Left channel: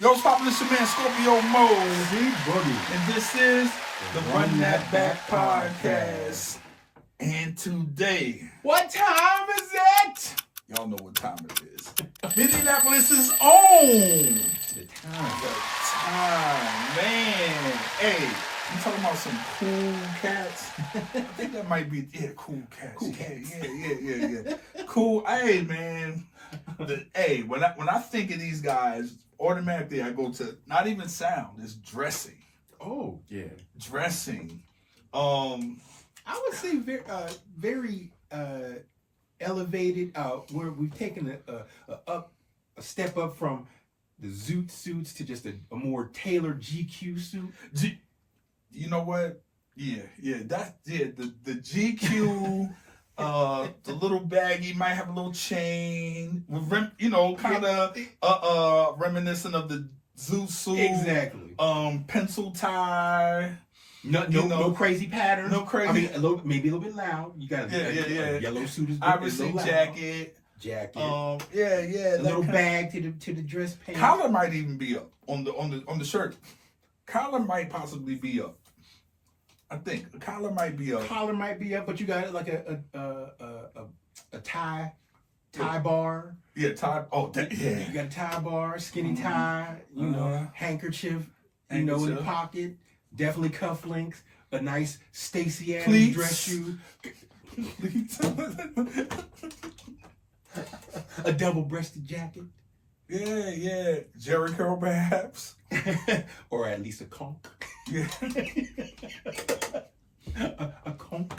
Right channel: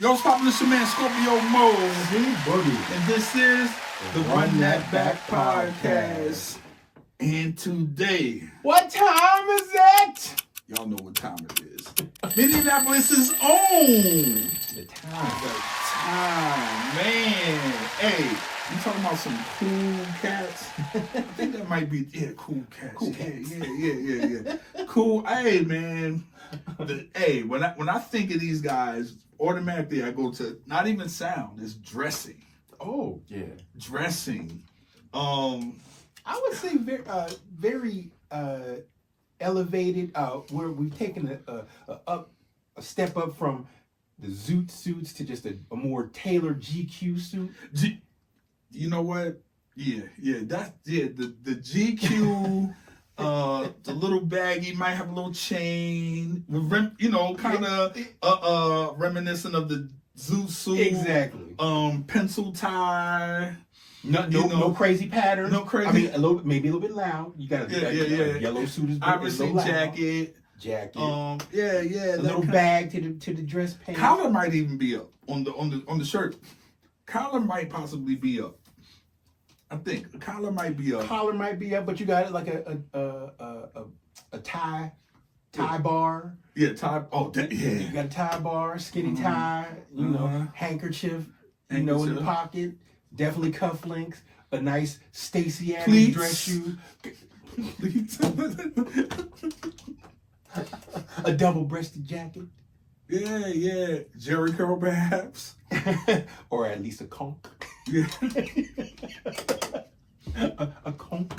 Yo, what's poppin'? This your man Scorpio Moe and C.Boogie. and this is the Run That Back Podcast. And today, What time is it? y'all know what time it is. Minneapolis' own. The time. Man. Hey, you talking about some cool cats? I think that might be, cool cats. Cool cats. Yeah. Cool. Hey, man. When I think of these guys, automatically I go to not even sound, it's dressing. Oh, yeah. Dressing. I would say very elevated. Where we've taken a step up from the zoot suits to just a more tailored GQ suit. You know what? The GQ. The little baggy might have a little chain, kind of reminiscent of the zoot suit. Exactly. Pencil tie. No crazy pattern. No crazy. I mean, maybe a little bit loud. You got a yellow suit is obviously loud. Jacket. A A little bag to the dress pants. Collar might even be up on the shirt. Collar might possibly be up. I think the collar might be up. Collar might be up, but you got like a tie bar. Yeah, tie. Oh, You got a tie bar, skinny tie. Handkerchief. In the pocket. Definitely cufflinks. A nice Stacey Adams dress shoe. A double-breasted jacket. Yeah. Jerry curl perhaps. Or at least a conch. Yeah. a conch.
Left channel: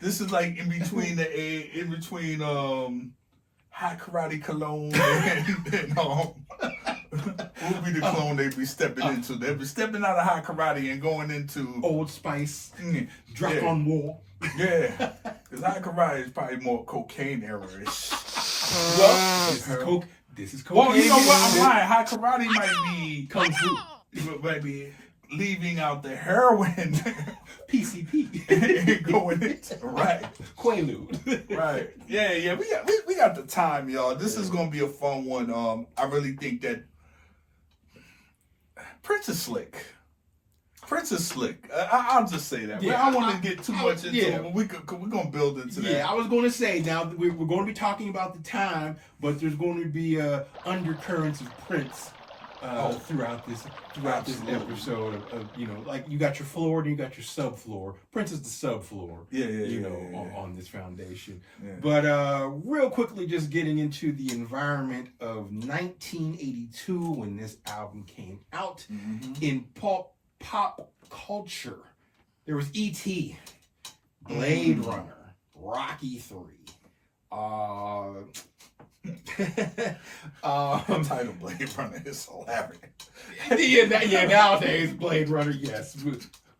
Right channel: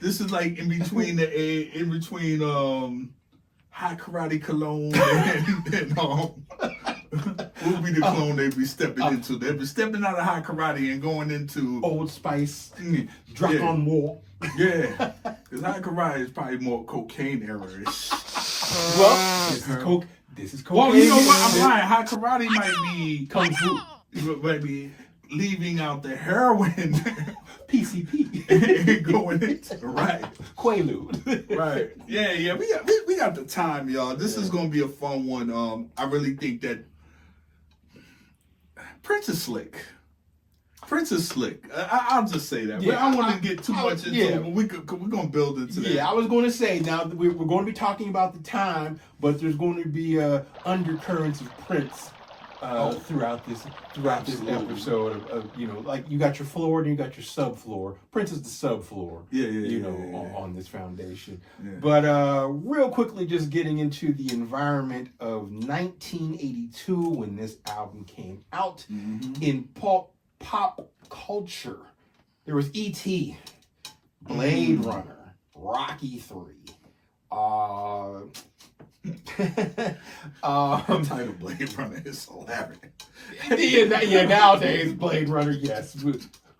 This is like in between high karate cologne and what would be the cologne they'd be stepping into? They'd be stepping out of high karate and going into Old Spice. Dragon War. Yeah. Because high karate is probably more cocaine era-ish. Well, this is cocaine. Well, you know what? I'm lying. High karate might be kung fu. It might be leaving out the heroin. PCP. And going into right. Quaalude. Right. Yeah. We got the time, y'all. This is gonna be a fun one. I really think that Prince is slick. I'll just say that. I don't want to get too much into it, but we're gonna build into that. Yeah, I was going to say now we're going to be talking about the time, but there's going to be undercurrents of Prince throughout this episode of like you got your floor and you got your subfloor. Prince is the subfloor. On this foundation. Yeah. But real quickly, just getting into the environment of 1982 when this album came out in pop culture. There was E.T., Blade Runner, Rocky 3. The title Blade Runner is hilarious. Nowadays Blade Runner, yes.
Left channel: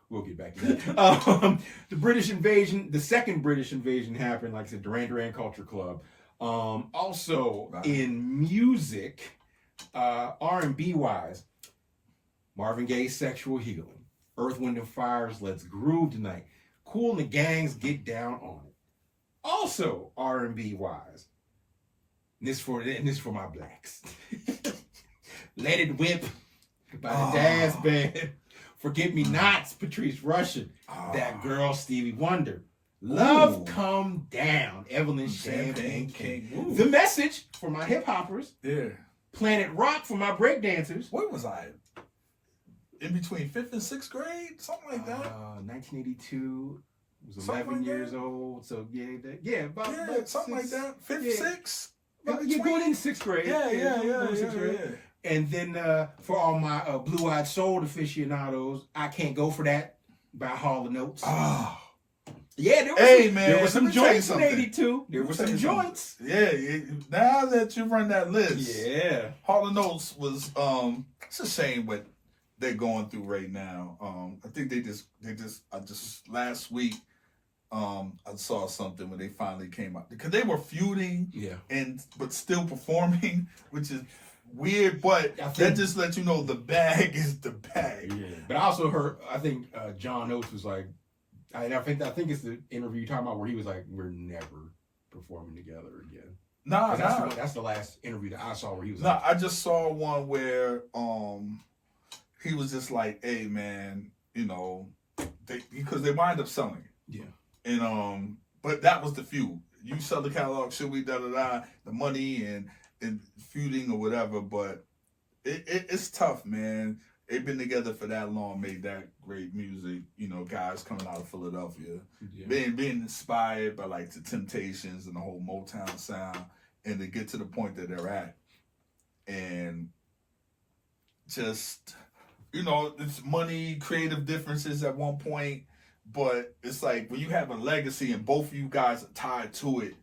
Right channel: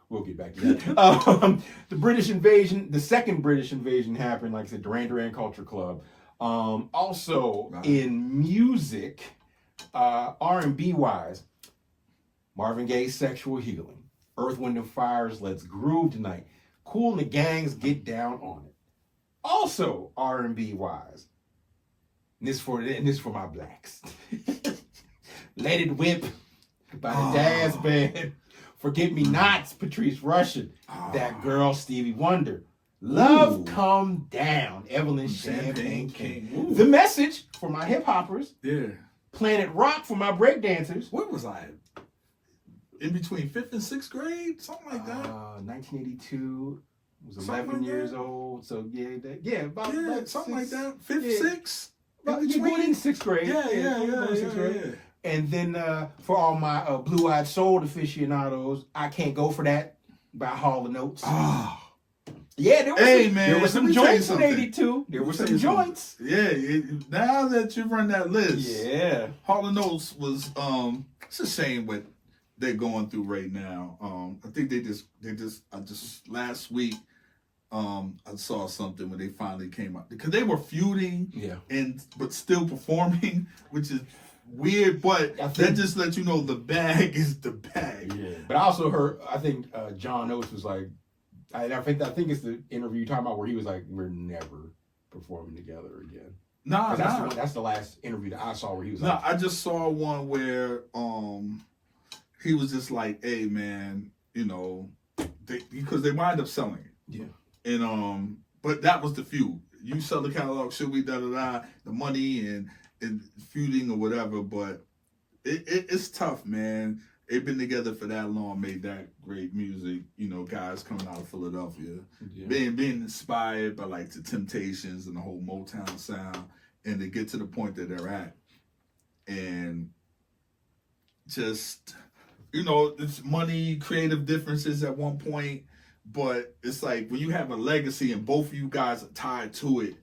We'll get back to that. The British invasion, the second British invasion happened, like I said, Duran Duran Culture Club. Also in music, R&B wise, Marvin Gaye's Sexual Healing, Earth, Wind and Fire's Let's Groove Tonight, Kool and the Gang's Get Down on It. Also R&B wise, and this for my blacks. Let It Whip by the Daz Band. Forget Me Nots, Patrice Rushen. That Girl, Stevie Wonder. Love Come Down, Evelyn Champagne King. The Message for my hip hoppers. Yeah. Planet Rock for my breakdancers. What was I? In between 5th and 6th grade? Something like that? 1982. I was 11 years old. So, about something like that. 5th, 6th? You're going in 6th grade. Yeah. And then for all my blue-eyed soul aficionados, I Can't Go For That by Hall & Oates. Yeah, there were some joints in 82. There were some joints. Yeah, now that you run that list. Yeah. Hall & Oates was, it's a shame what they're going through right now. I think they just last week, I saw something when they finally came out. Because they were feuding, but still performing, which is weird, but that just lets you know the bag is the bag. Yeah. But I also heard, I think John Oates was like, I think it's the interview you're talking about where he was like, we're never performing together again. Nah, That's the last interview that I saw where he was. Nah, I just saw one where he was just like, "Hey, man, you know, because they wind up selling it." Yeah. And but that was the feud. You sell the catalog, should we the money and feuding or whatever. But it's tough, man. They've been together for that long, made that great music. You know, guys coming out of Philadelphia, being inspired by like the Temptations and the whole Motown sound, and to get to the point that they're at, and just, you know, it's money, creative differences at one point, but it's like when you have a legacy and both of you guys are tied to it.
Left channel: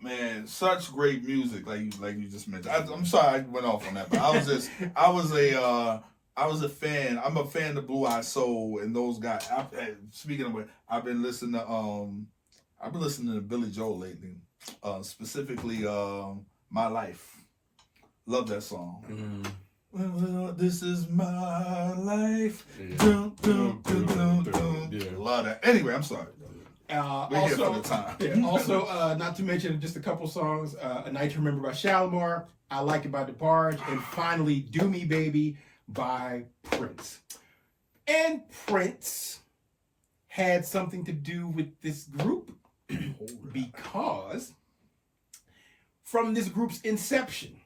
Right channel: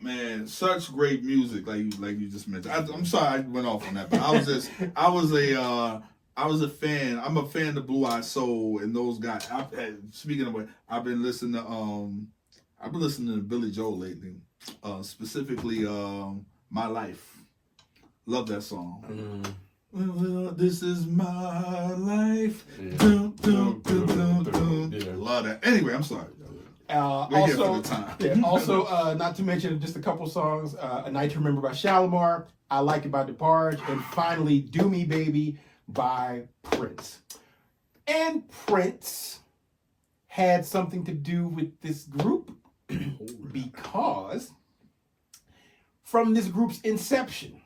Man, such great music, like you just mentioned. I'm sorry I went off on that, but I was a fan. I'm a fan of Blue Eye Soul and those guys. Speaking of it, I've been listening to Billy Joel lately, specifically "My Life." Love that song. This is my life. Dun, dun, dun, dun, dun. Love that. Anyway, I'm sorry. Also, not to mention just a couple songs. A Night to Remember by Shalimar. I Like It by DeBarge. And finally, Do Me Baby by Prince. And Prince had something to do with this group because from this group's inception,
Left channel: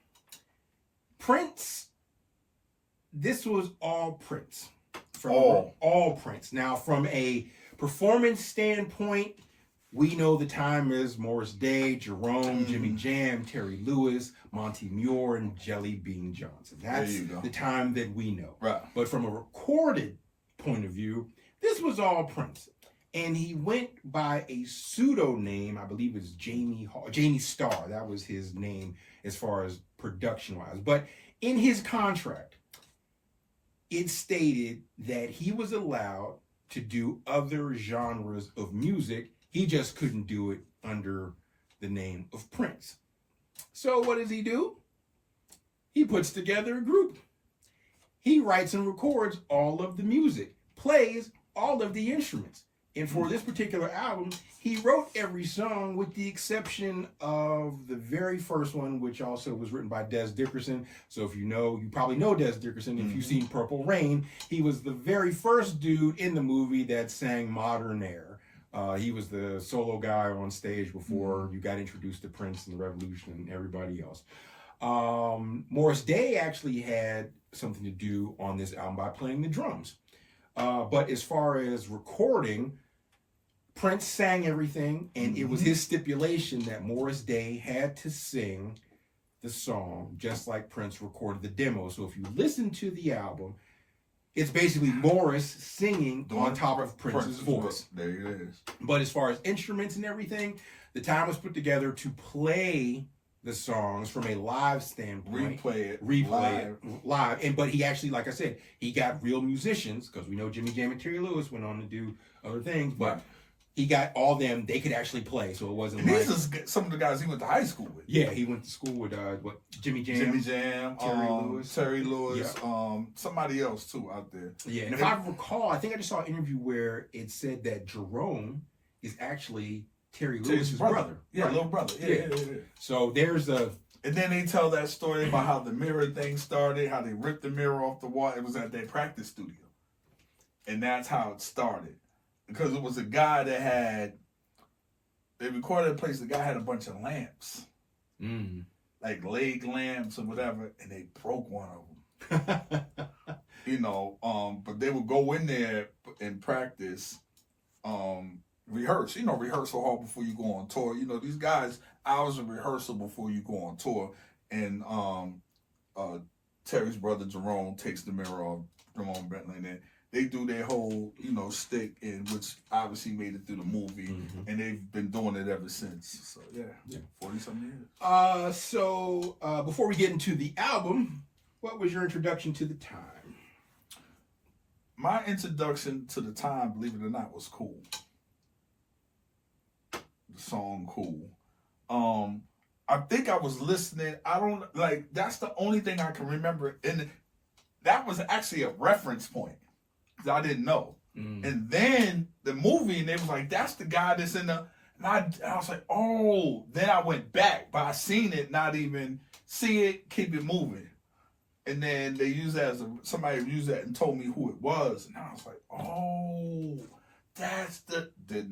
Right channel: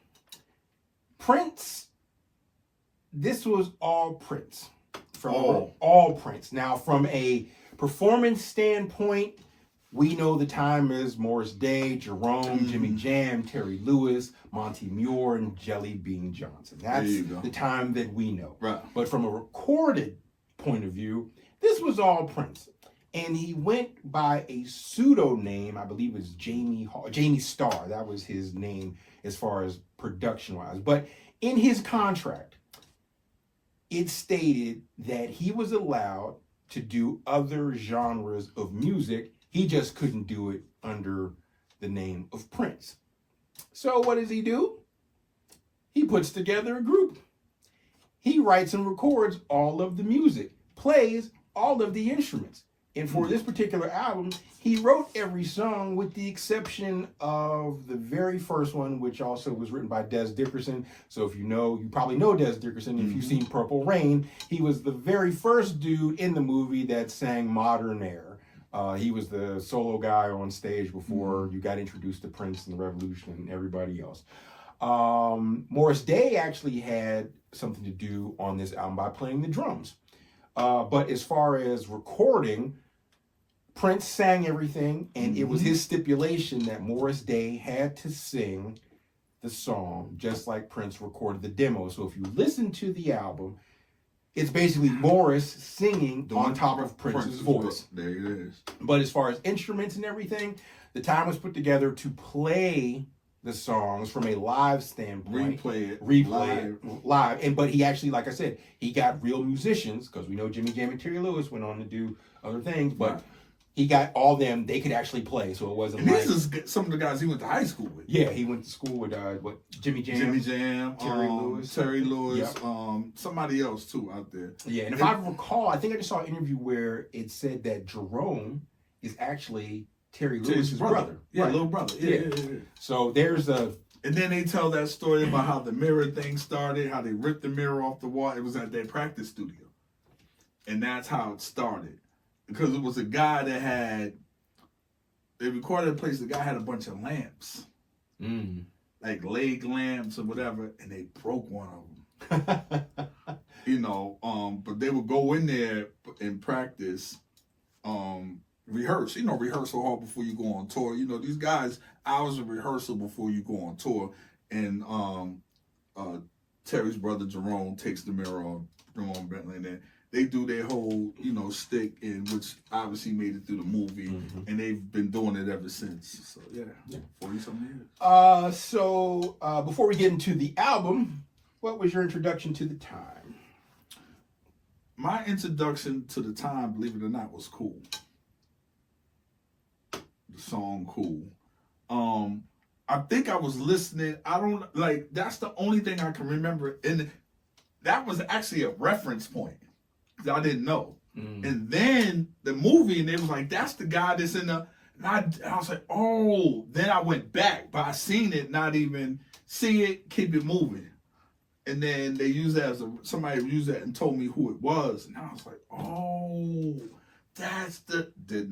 Prince, this was all Prince. All Prince. Now, from a performance standpoint, we know the time is Morris Day, Jerome, Jimmy Jam, Terry Lewis, Monty Muir, and Jelly Bean Johnson. That's the time that we know. Right. But from a recorded point of view, this was all Prince. And he went by a pseudonym, I believe it was Jamie Starr. That was his name as far as production-wise. But in his contract, it stated that he was allowed to do other genres of music. He just couldn't do it under the name of Prince. So what does he do? He puts together a group. He writes and records all of the music, plays all of the instruments. And for this particular album, he wrote every song with the exception of the very first one, which also was written by Des Dickerson. So if you probably know Des Dickerson. If you've seen Purple Rain, he was the very first dude in the movie that sang Modern Air. He was the solo guy on stage before you got introduced to Prince and the Revolution and everybody else. Morris Day actually had something to do on this album by playing the drums. But as far as recording, Prince sang everything, and it was his stipulation that Morris Day had to sing the song just like Prince recorded the demo. So if you listen to the album, it's basically Morris singing on top of Prince's voice. There it is. But as far as instruments and everything, the time was put together to play the songs from a live standpoint. Replay it live. But he actually, like I said, he got real musicians, because we know Jimmy Jam and Terry Lewis went on to do other things, but he got all them, they could actually play, so it wasn't like... These are some of the guys he went to high school with. Yeah, he went to school with, Jimmy Jam, Terry Lewis, somebody else too out there. Yeah, and if I recall, I think I just saw an interview where it said that Jerome is actually Terry Lewis's brother. Yeah, right. Little brother. Yeah. So there's a... And then they tell that story about how the mirror thing started, how they ripped the mirror off the wall. It was at their practice studio. And that's how it started. Because it was a guy that they recorded a place, the guy had a bunch of lamps. Like leg lamps or whatever, and they broke one of them. But they would go in there and practice, rehearse. Rehearsal hall before you go on tour. These guys, hours of rehearsal before you go on tour. And Terry's brother Jerome takes the mirror off, Jerome Bentley, and then they do their whole, stick in, which obviously made it through the movie, and they've been doing it ever since. So yeah, 40-something years. So before we get into the album, what was your introduction to the time? My introduction to the time, believe it or not, was Cool. The song Cool. I think I was listening. That's the only thing I can remember, and that was actually a reference point. I didn't know. And then the movie, and they was like, that's the guy that's in the... And I was like, oh. Then I went back, but I seen it, not even see it, keep it moving. And then they used that somebody used that and told me who it was. And I was like, oh, that's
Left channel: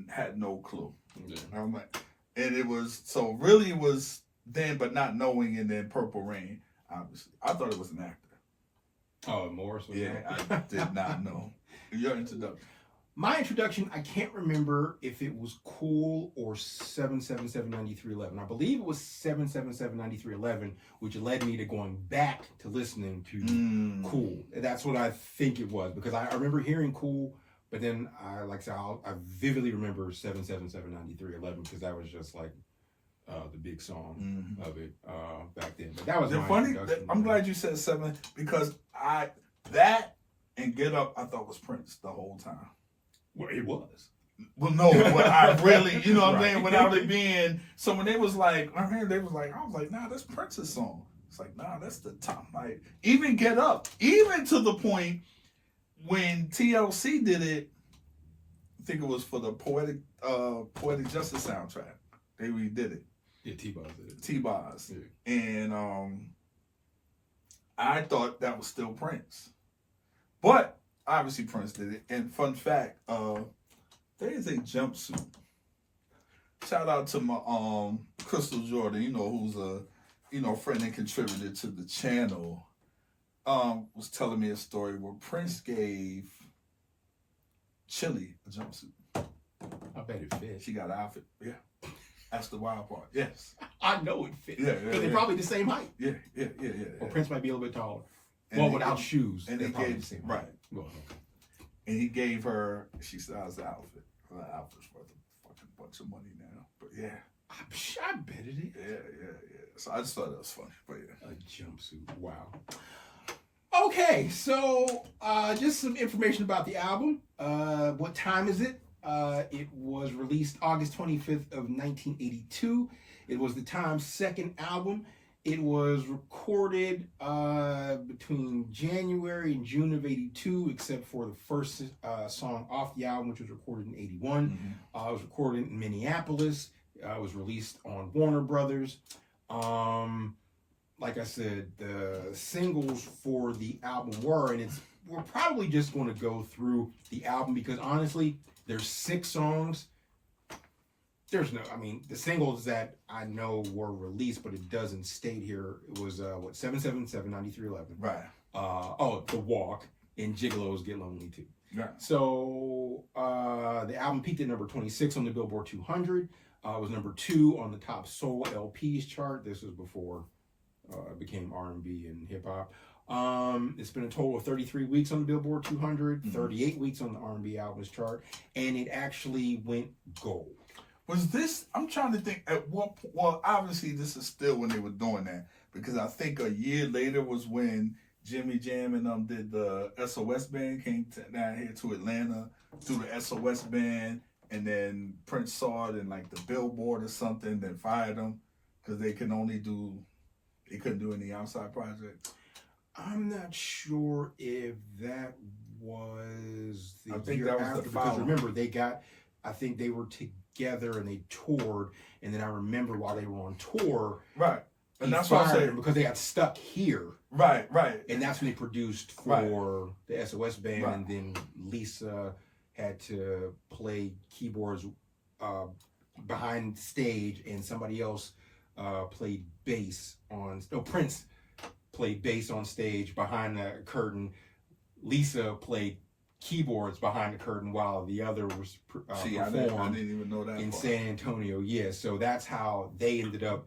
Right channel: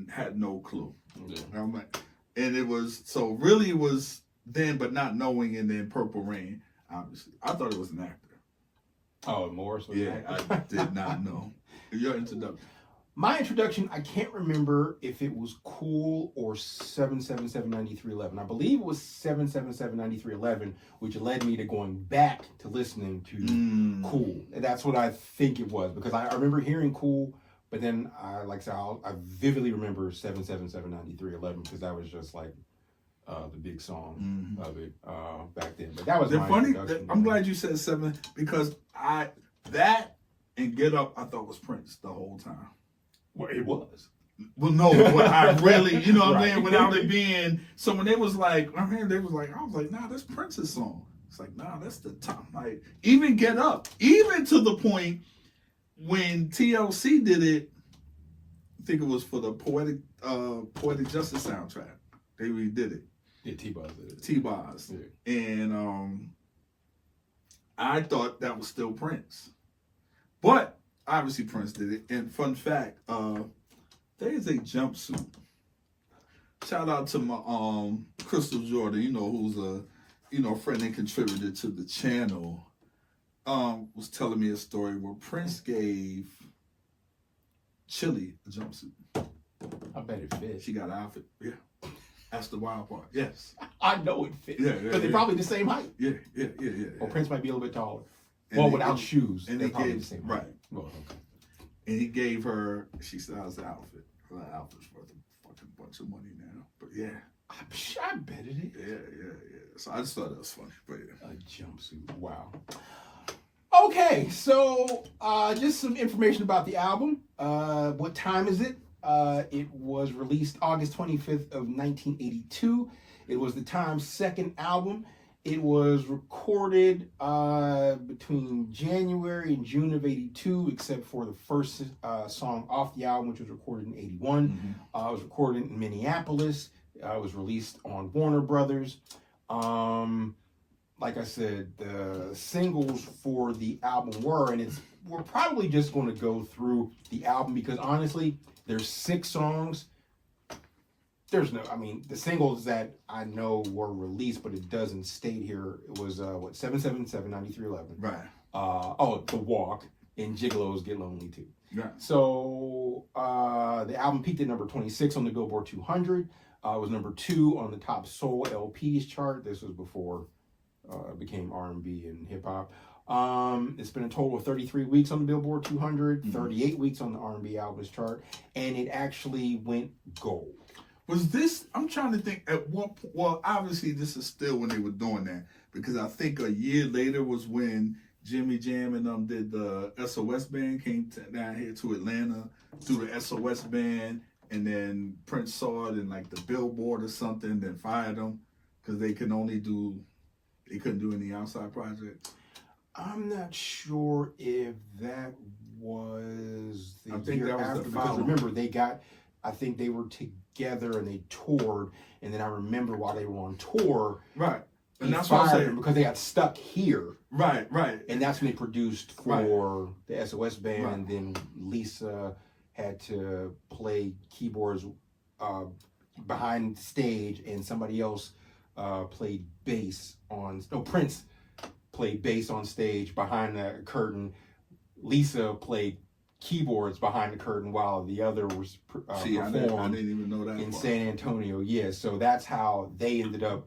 had no clue. Yeah. I'm like, and it was, so really it was then, but not knowing, and then Purple Rain, obviously. I thought it was an actor. Oh, Morris? Yeah, I did not know. Your introduction. My introduction, I can't remember if it was Cool or 7779311. I believe it was 7779311, which led me to going back to listening to Cool. And that's what I think it was, because I remember hearing Cool, but then I vividly remember 7779311 because that was just like the big song of it back then. But that was my introduction. I'm glad you said 7 because that and Get Up I thought was Prince the whole time. Well, it was. Well, no, but I really, you know what I'm Right. saying, without it being, so when they was like, I was like, nah, that's Prince's song. It's like, nah, that's the top. Like, even Get Up, even to the point when TLC did it, I think it was for the Poetic Justice soundtrack. They redid it. Yeah, T-Boz did it. T-Boz. Yeah. And I thought that was still Prince. But obviously Prince did it. And fun fact, there is a jumpsuit. Shout out to my Crystal Jordan, who's a friend and contributor to the channel. Was telling me a story where Prince gave Chili a jumpsuit. I bet it fit. She got an outfit. Yeah. That's the wild part. Yes. I know it fit. Yeah, But they're probably the same height. Yeah. Well, Prince might be a little bit taller. And without shoes. And they're they probably gave, the same right. height. Well, okay. And he gave her, she styles the outfit. Her outfit's worth a fucking bunch of money now. But yeah. I bet it is. Yeah. So I just thought that was funny. But yeah. A jumpsuit. Wow. Okay, so just some information about the album. What time is it? It was released August 25th of 1982. It was the Times' second album. It was recorded between January and June of 82, except for the first song off the album, which was recorded in 81. It was recorded in Minneapolis. It was released on Warner Brothers. Like I said, the singles for the album we're probably just going to go through the album because honestly, there's 6 songs. The singles that I know were released, but it doesn't state here. It was 7779311. Right. The Walk and Gigolos Get Lonely Too. Right. So the album peaked at number 26 on the Billboard 200. It was number 2 on the top soul LPs chart. This was before it became R&B and hip hop. It's been a total of 33 weeks on the Billboard 200, 38 weeks on the R&B albums chart, and it actually went gold. Was this, I'm trying to think at what point, well, obviously this is still when they were doing that, because I think a year later was when Jimmy Jam and them did the SOS band, came down here to Atlanta, through the SOS band, and then Prince saw it in like the Billboard or something, then fired them, because they couldn't do any outside projects. I'm not sure if that was the I think year that was after, the because following. remember I think they were together and they toured, and then I remember while they were on tour, Right. And he that's what I'm fired saying. them because they got stuck here. Right. And that's when they produced for the SOS band, and then Lisa had to play keyboards behind stage, and somebody else played bass Prince played bass on stage behind the curtain. Lisa played keyboards behind the curtain while the other was See, I didn't even know that in part. San Antonio. Yeah, so that's how they ended up,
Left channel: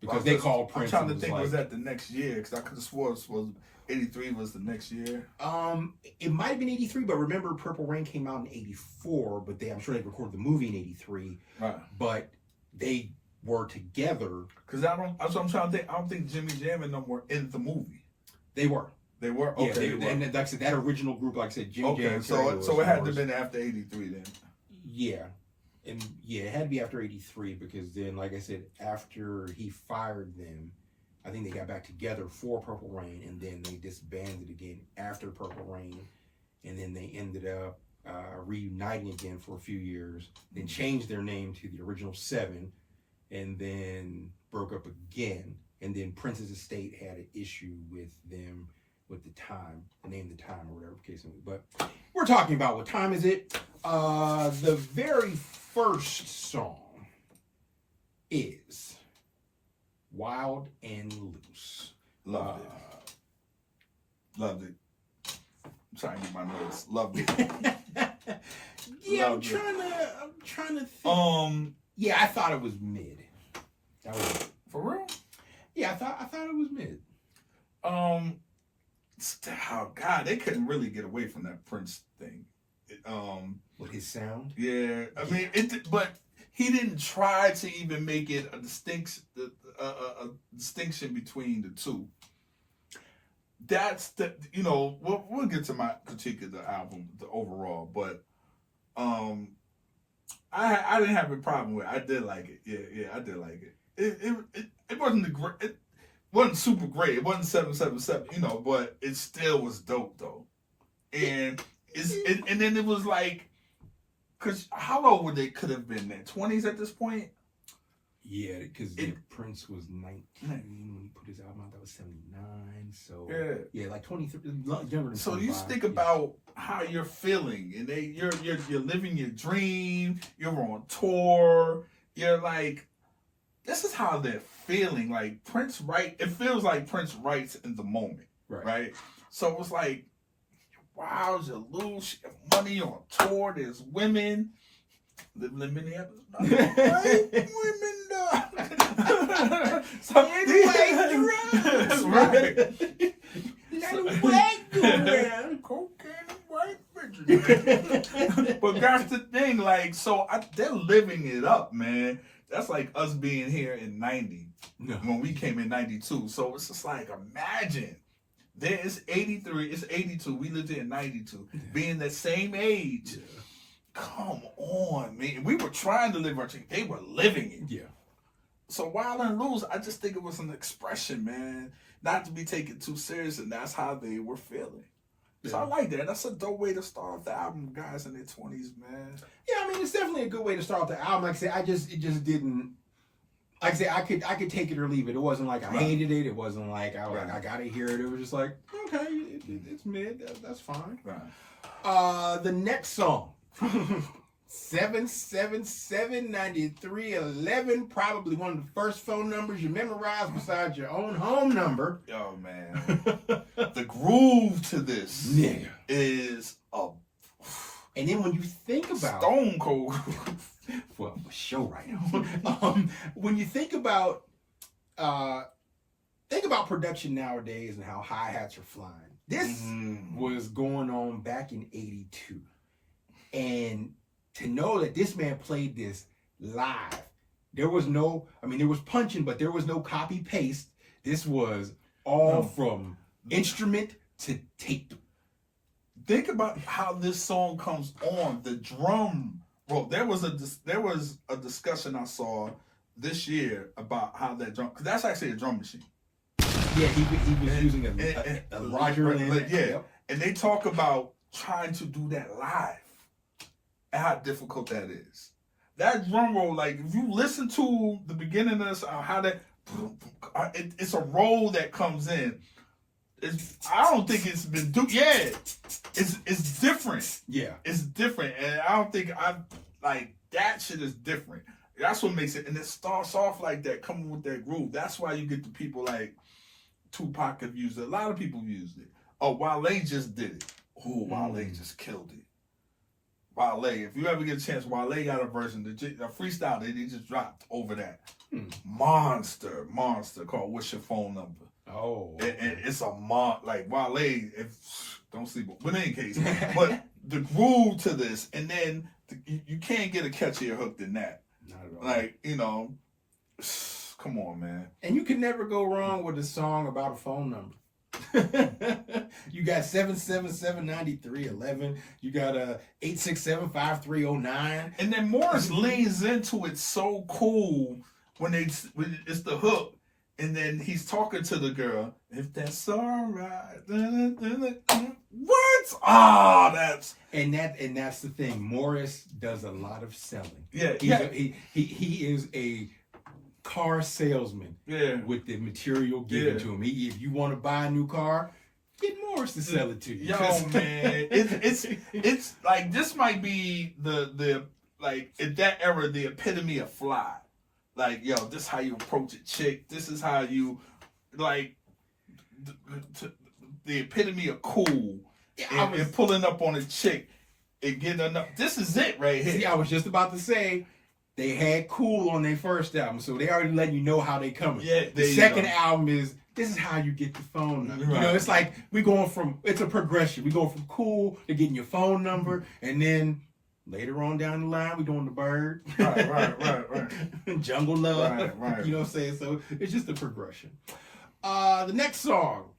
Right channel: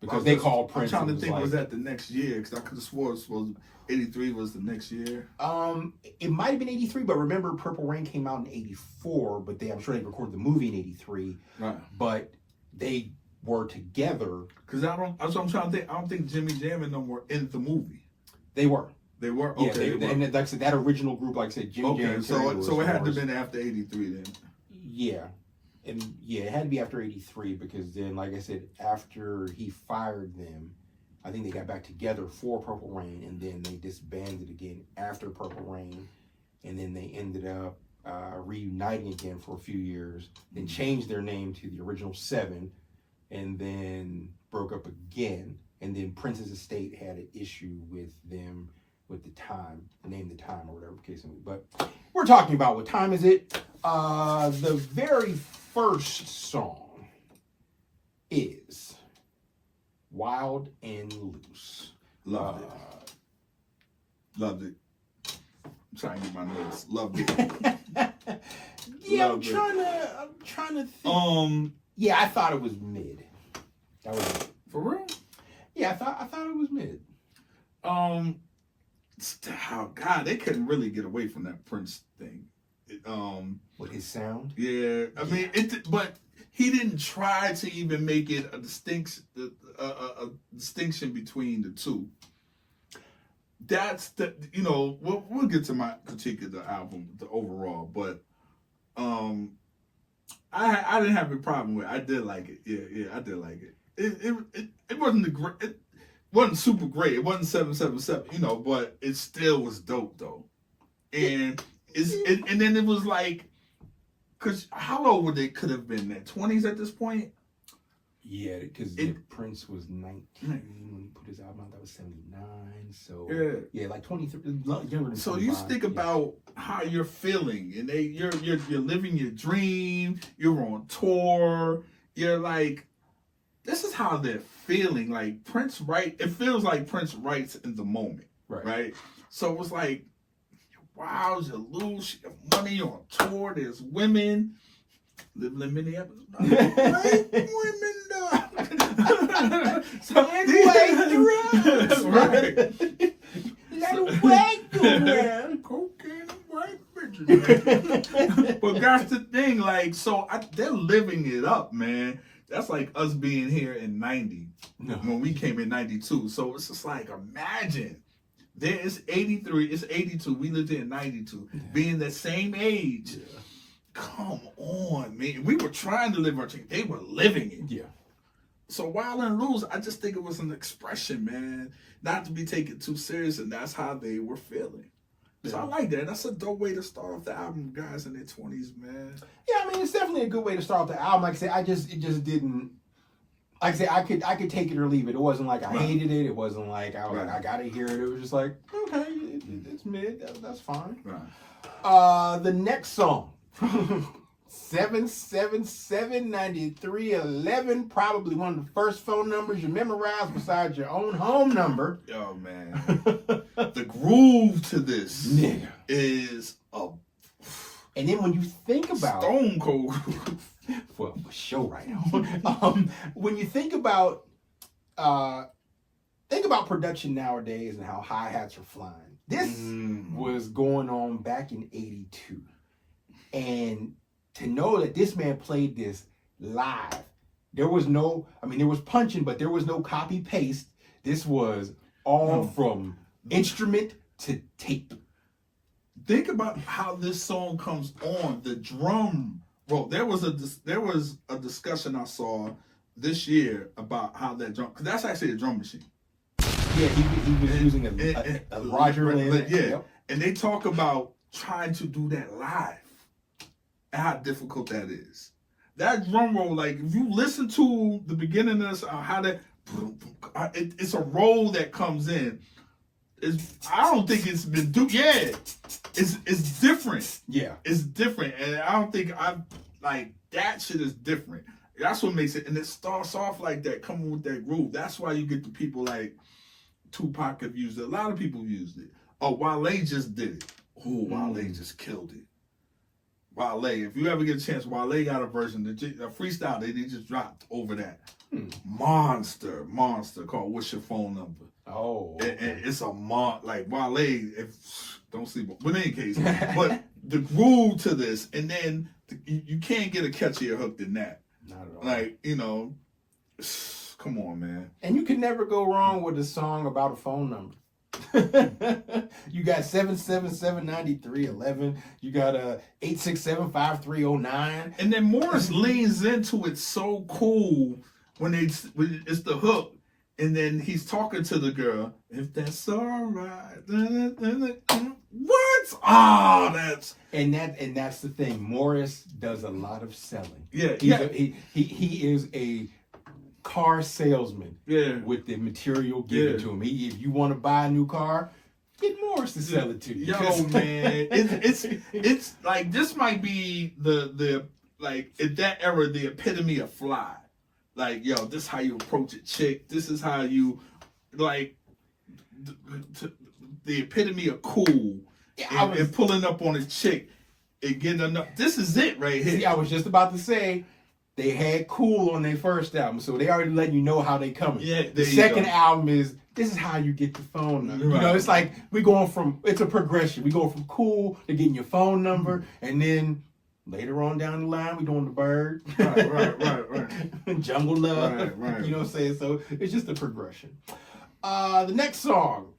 because they called Prince. I'm trying to think, was that the next year? Because I could have swore it was 83 was the next year. It might have been 83, but remember Purple Rain came out in 84, but I'm sure they recorded the movie in 83. Right. But they were together. Because that's what I'm trying to think. I don't think Jimmy Jam and them were in the movie. They were. They were? Okay. Yeah, they were. And like I said, that original group, like I said, Jimmy Jam. So it had to have been after 83 then. Yeah. And yeah, it had to be after 83, because then, like I said, after he fired them, I think they got back together for Purple Rain, and then they disbanded again after Purple Rain, and then they ended up reuniting again for a few years, then changed their name to the original Seven, and then broke up again. And then Prince's estate had an issue with them with the time, name the time or whatever the case may be. But we're talking about what time is it? The very first song is Wild and Loose. Loved it. Loved it. I'm trying to get my notes. Loved it. Yeah, Loved it. I'm trying to think. Yeah, I thought it was mid. That was it. For real? Yeah, I thought it was mid. Oh God, they couldn't really get away from that Prince thing. With his sound. Yeah, I mean, but he didn't try to even make it a distinction between the two. That's we'll get to my critique of the album, the overall, but I didn't have a problem with it. I did like it. Yeah, I did like it. It wasn't it wasn't super great. It wasn't 777, but it still was dope though. And and then it was like, cause how old would they could have been? Their 20s at this point. Yeah, because Prince was 19 when he put his album out. That was 79. So yeah, like 23, younger than. So you think about how you're feeling, and you're living your dream. You're on tour. You're like, this is how they're feeling. Like Prince it feels like Prince writes in the moment, right? So it was like, wow, you're loose, you have money, you're on tour, there's women. Living in Minneapolis. Women, so right. Let a white go around. Cocaine and white bitches. But that's the thing, like, so they're living it up, man. That's like us being here in 90 when we came in 92. So it's just like, imagine. There is 83, it's 82. We lived here in 92. Yeah. Being the same age. Yeah. Come on, man. We were trying to live our dream. They were living it. Yeah. So Wild and Loose, I just think it was an expression, man. Not to be taken too serious, and that's how they were feeling. Yeah. So I like that. That's a dope way to start off the album, guys in their 20s, man. Yeah, I mean, it's definitely a good way to start off the album. Like I said, it just didn't. Like I said, I could take it or leave it. It wasn't like I hated it. It wasn't like I was like, I gotta hear it. It was just like, okay, it's mid. That's fine. Right. The next song. 777-9311, probably one of the first phone numbers you memorized besides your own home number. Oh man. The groove to this is and then when you think about stone cold for a show right now. When you think about production nowadays and how hi-hats are flying. This was going on back in 82. And to know that this man played this live, there was punching, but there was no copy paste. This was all from instrument to tape. Think about how this song comes on. The drum roll. There was a discussion I saw this year about how that drum, because that's actually a drum machine. Yeah, he was using a Roger. Yep. And they talk about trying to do that live. And how difficult that is. That drum roll, like if you listen to the beginning of this, how that it's a roll that comes in. I don't think it's been it's different. Yeah, it's different, and I don't think that shit is different. That's what makes it, and it starts off like that, coming with that groove. That's why you get the people like Tupac have used it. A lot of people used it. Oh, Wale just did it. Oh, Wale just killed it. Wale, if you ever get a chance, Wale got a version, a freestyle they just dropped over that. Monster called What's Your Phone Number? Oh. And it's a like Wale, don't sleep. But in any case, but the groove to this, and then you can't get a catchier hook than that. Not at all. Like, come on, man. And you can never go wrong with a song about a phone number. You got 777-9311. You got 867-5309. And then Morris leans into it so cool when it's the hook, and then he's talking to the girl. If that's all right, What? Ah, that's that's the thing. Morris does a lot of selling. yeah, He is a car salesman. Yeah. With the material given to him. If you want to buy a new car, get Morris to sell it to you. Yo, man, it's like this might be the like in that era the epitome of fly. Like, yo, this is how you approach a chick. This is how you like the epitome of cool. Yeah, and pulling up on a chick and getting enough. This is it right here. See, I was just about to say they had Cool on their first album, so they already letting you know how they coming. Yeah, the second album is this is how you get the phone number. Right. You know, it's like it's a progression. We going from Cool to getting your phone number, and then later on down the line, we doing the Bird. Right. Jungle Love. Right. You know what I'm saying? So it's just a progression. The next song.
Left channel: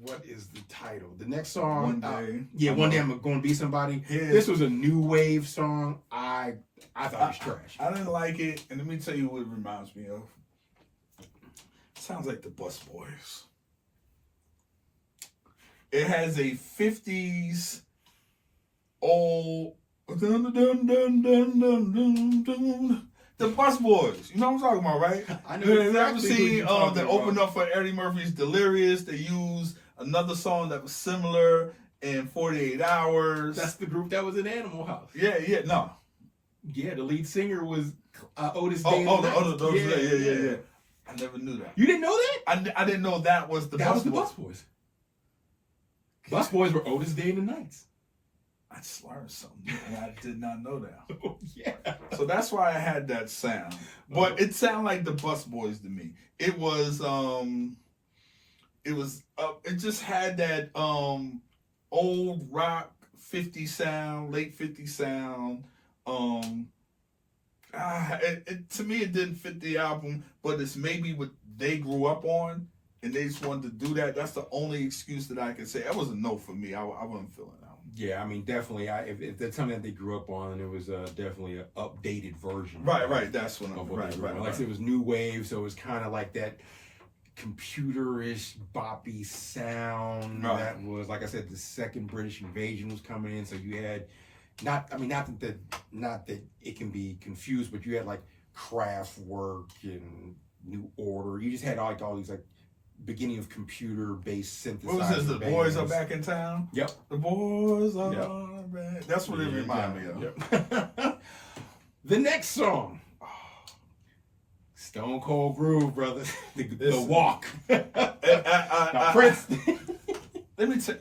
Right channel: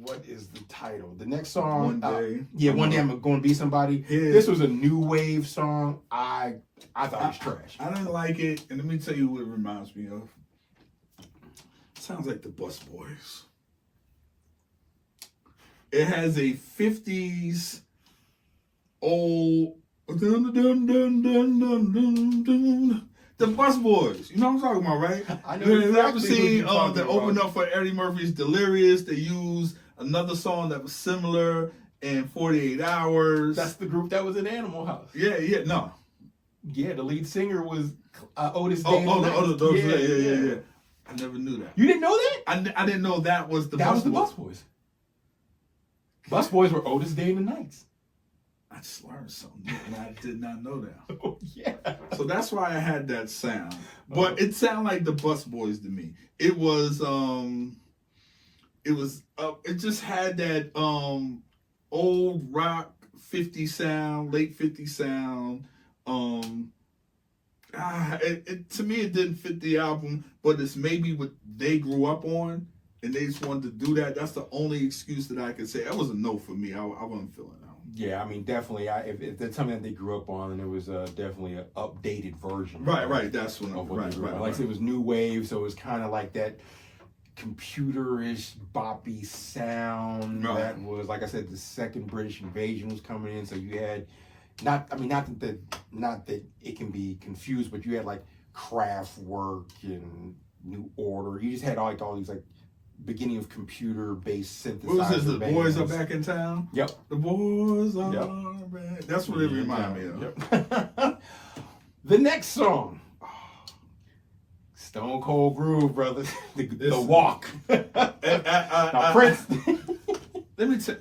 What is the title? The next song. One day I'm going to be somebody. This was a new wave song. I thought it was trash. I didn't like it, and let me tell you what it reminds me of. It sounds like the Bus Boys. It has a 50s old the Bus Boys. You know what I'm talking about, right? I know. You ever seen that opened up for Eddie Murphy's Delirious? They used another song that was similar in 48 Hours. That's the group that was in Animal House. Yeah, no. Yeah, the lead singer was Otis Day. Yeah. I never knew that. You didn't know that? I didn't know that was the Bus Boys. Bus Boys were Otis Day and the Knights. I just learned something, and I did not know that. Oh, yeah. So that's why I had that sound. But it sounded like the Bus Boys to me. It just had that old rock 50 sound, late 50 sound. To me, it didn't fit the album, but it's maybe what they grew up on, and they just wanted to do that. That's the only excuse that I could say. That was a no for me. I wasn't feeling that one. Yeah, I mean, definitely. If that's something that they grew up on, and it was definitely an updated version. Right. That's what I'm right. Like I said, it was new wave, so it was kind of like that computerish, boppy sound. Right. That was, like I said, the second British invasion was coming in, so you had not that it can be confused, but you had like Kraftwerk and New Order. You just had all these like beginning of computer-based synthesizer. What was this? The bands. Boys Are Back in Town? Yep. The Boys Are Back. That's what it reminded me of. Yep. The next song. Stone Cold Groove, brother. The Walk. Now, Prince. Let me tell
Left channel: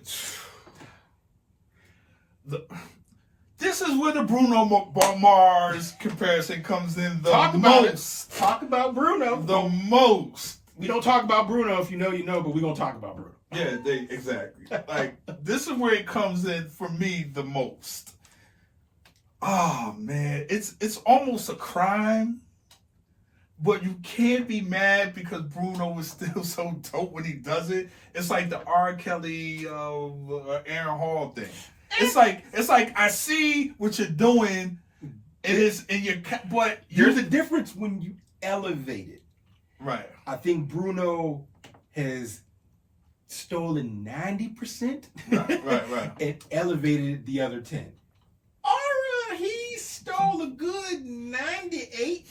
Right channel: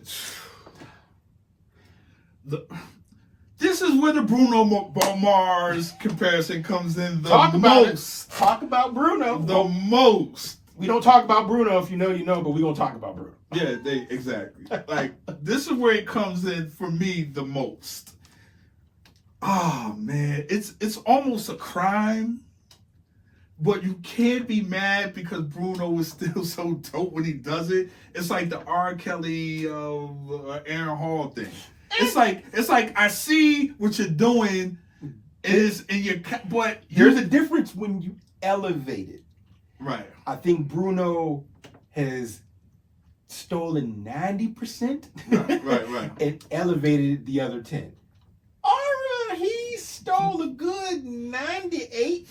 you. This is where the Bruno Mars comparison comes in Talk about Bruno. The most. We don't talk about Bruno. If you know, you know, but we gonna talk about Bruno. Yeah, exactly. Like, this is where it comes in for me the most. Oh man, it's almost a crime, but you can't be mad because Bruno is still so dope when he does it. It's like the R. Kelly, Aaron Hall thing. It's like I see what you're doing, but there's a difference when you elevate it. Right. I think Bruno has stolen 90%. Right. And elevated the other 10. He stole a good 98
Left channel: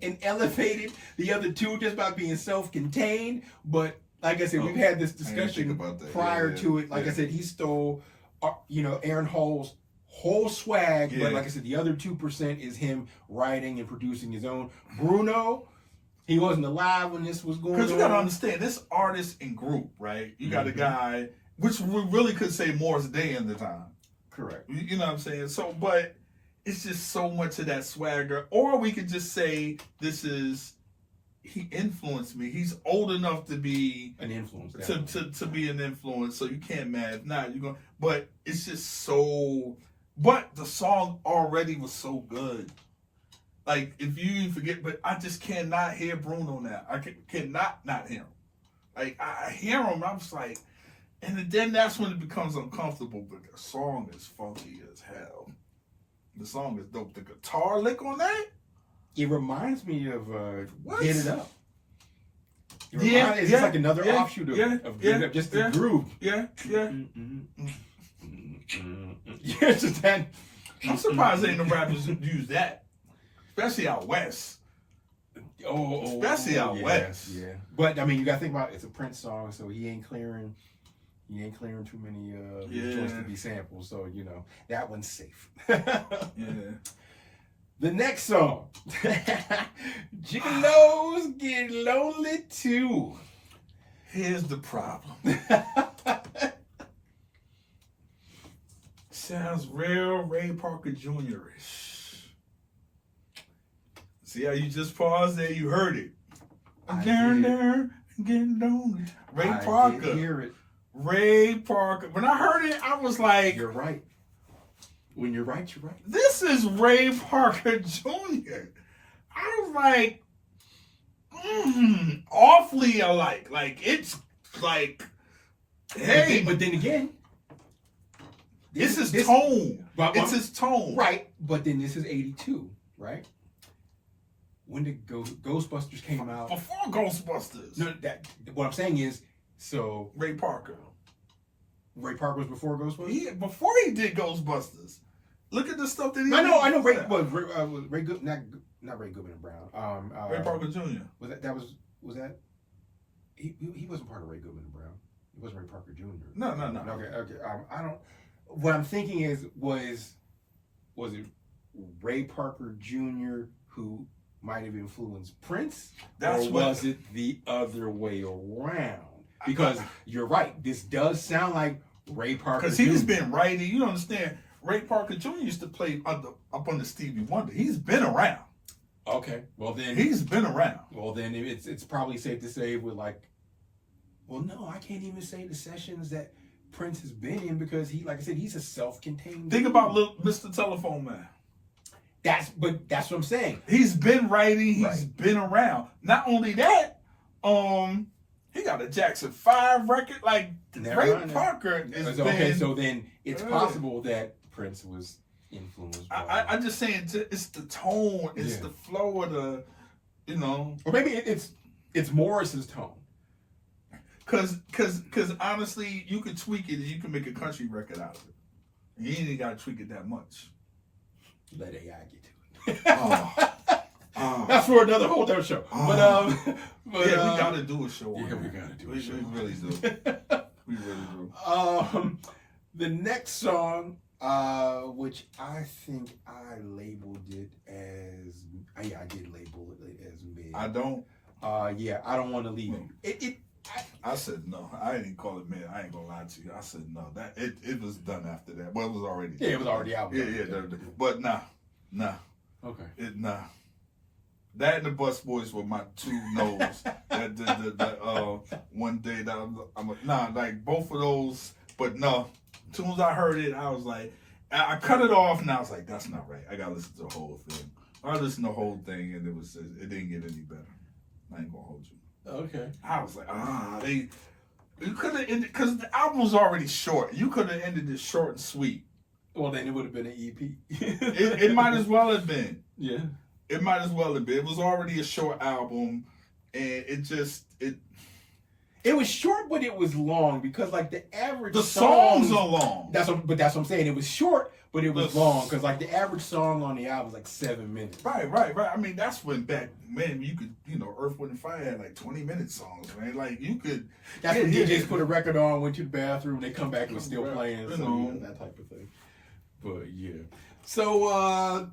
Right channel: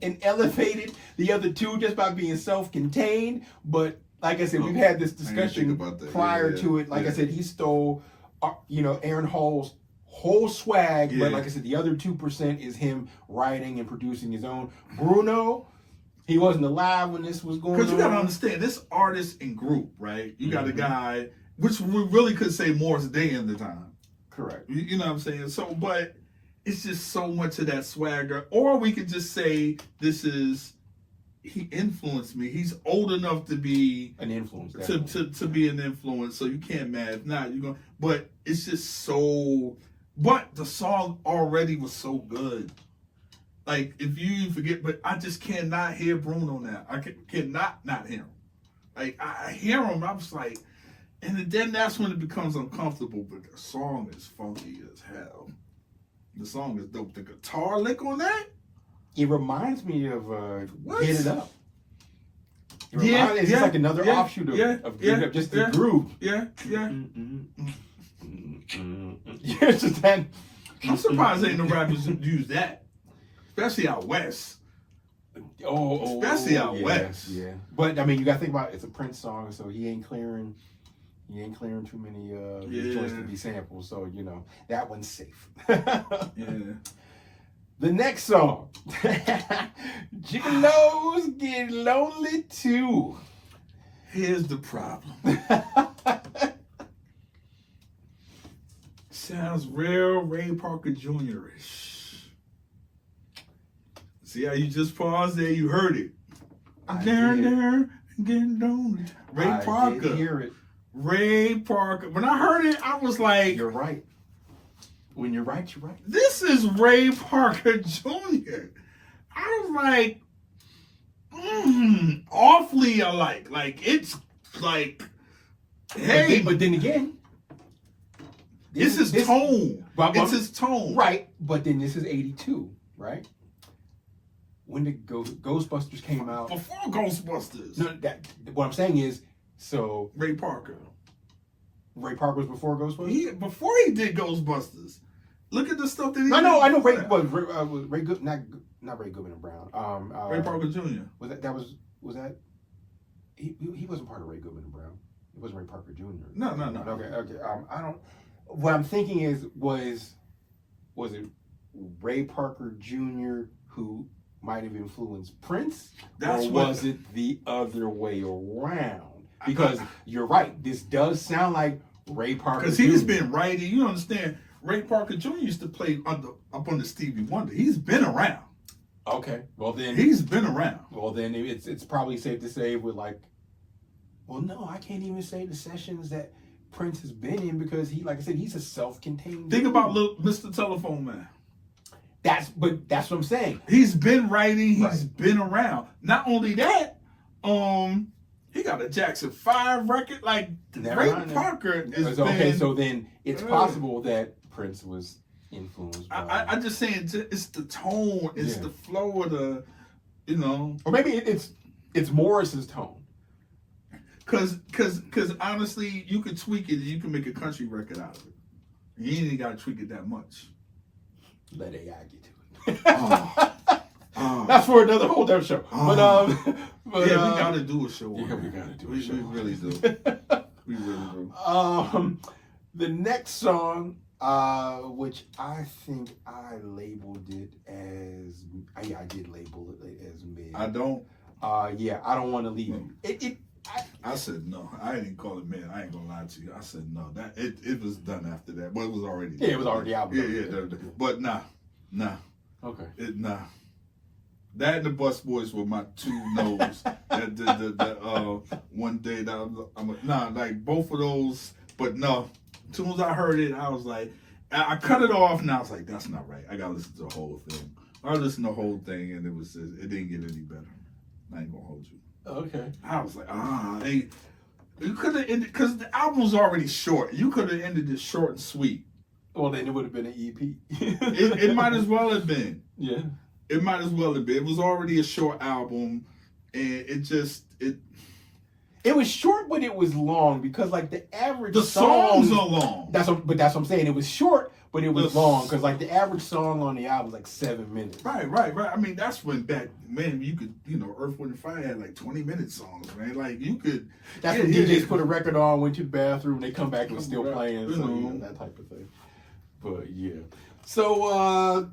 and elevated the other 2 just by being self-contained. But like I said, we've had this discussion prior to it. Like I said, he stole, Aaron Hall's whole swag, but like I said, the other 2% is him writing and producing his own. Bruno, he wasn't alive when this was going on. Because you got to understand, this artist and group, right? You got a guy, which we really could say Morris Day in the time. Correct. You know what I'm saying? So, but it's just so much of that swagger. Or we could just say he influenced me. He's old enough to be an influence. To be an influence. So you can't mad. If not, you're going. But it's just so. But the song already was so good. Like, if you forget, but I just cannot hear Bruno now. I cannot not hear him. Like, I hear him, I'm just like, and then that's when it becomes uncomfortable, but the song is funky as hell. The song is dope. The guitar lick on that? It reminds me of Get It Up. It's just like another offshoot of just the groove. Yeah. Yeah, it's just that. I'm surprised ain't no rappers who use that, especially out west. Especially out west. Yeah, but I mean, you gotta think about it, it's a Prince song, so he ain't clearing too many joints to be sampled. So you know that one's safe. Yeah. The next song, Gigolos Get Lonely Too. Here's the problem. Sounds real Ray Parker Jr.-ish. See how you just paused there? You heard it. Down there, getting lonely. Ray Parker. Did hear it. Ray Parker. When I heard it, I was like, "You're right. When you're right, you're right." This is Ray Parker Jr. I was like, awfully alike. Like, it's like, hey. But then again, it's his tone. It's his tone. Right. But then this is 82, right? When the Ghostbusters came out. Before Ghostbusters. No, what I'm saying is, so. Ray Parker. Ray Parker was before Ghostbusters? Before he did Ghostbusters. Look at the stuff that he did. I know. Ray Good, not Ray Goodman and Brown. Ray Parker Jr. Was that? He wasn't part of Ray Goodman and Brown. It wasn't Ray Parker Jr. No. Okay. I don't. What I'm thinking is, was it Ray Parker Jr. who might have influenced Prince, was it the other way around? Because you're right. This does sound like Ray Parker. Because he's been writing. You understand? Ray Parker Jr. used to play up on the Stevie Wonder. He's been around. Okay. Well then, he's been around. Well then, it's probably safe to say with like. Well, no, I can't even say the sessions that Prince has been in because like I said, he's a self-contained. Think about little Mr. Telephone Man. That's what I'm saying. He's been writing. He's been around. Not only that, he got a Jackson 5 record. Like Ray Parker is okay. So then it's possible that Prince was influenced by. I'm just saying it's the tone, it's the flow of the, or maybe it's Morris's tone. Cause honestly, you could tweak it and you can make a country record out of it. You ain't even got to tweak it that much. Let AI get to it. That's for another whole damn show. But we gotta do a show. Yeah, we gotta do a show. We really do. We really do. The next song, which I think I labeled it as, I did label it as mid. I don't. I don't want to leave you. I said no. I didn't call it mid. I ain't gonna lie to you. I said no. That it was done after that. Well, it was already done. Yeah, it was already out. Yeah. But nah. Okay. That and the Bus Boys were my two no's. One day that like both of those. But no, as soon as I heard it, I was like, I cut it off, and I was like, that's not right. I gotta listen to the whole thing. I listened to the whole thing, and it didn't get any better. I ain't gonna hold you. Okay. I was like, you could have ended, because the album was already short. You could have ended it short and sweet. Well, then it would have been an EP. it might as well have been. Yeah. It might as well have been. It was already a short album, and it was short, but it was long because like the average songs are long. That's what I'm saying. It was short, but it was long because like the average song on the album was like 7 minutes. Right. I mean, that's when back when you could, Earth, Wind and Fire had like 20-minute songs, man. Like you could. That's when DJs put a record on, went to the bathroom, they come back and still playing, that type of thing. But yeah, so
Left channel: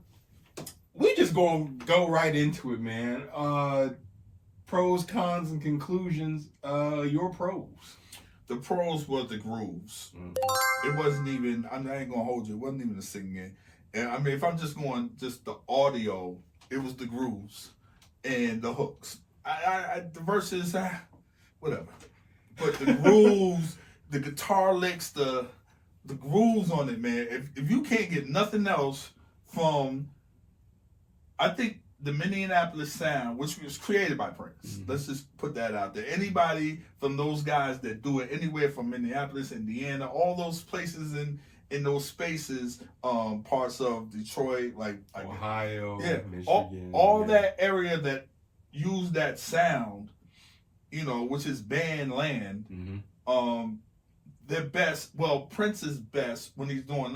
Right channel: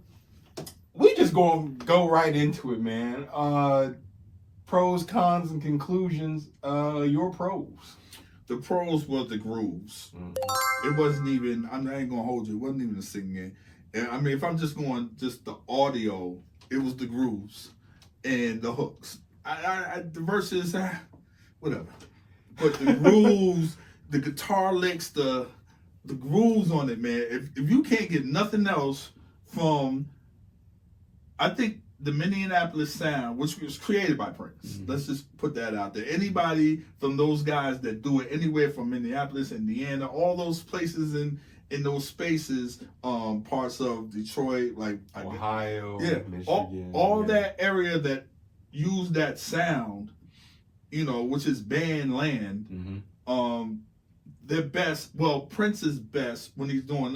we just gonna go right into it, man. Pros, cons, and conclusions. Your pros. The pros was the grooves. It wasn't even, I ain't gonna hold you, it wasn't even the singing. And I mean, if I'm just going just the audio, it was the grooves and the hooks. The verses, whatever. But the grooves, the guitar licks, the grooves on it, man. If you can't get nothing else from, I think, the Minneapolis sound, which was created by Prince. Let's just put that out there. Anybody from those guys that do it anywhere from Minneapolis, Indiana, all those places in those spaces, parts of Detroit, like Ohio, yeah, Michigan, all that area that use that sound, which is band land. Mm-hmm. Their best, Prince's best when he's doing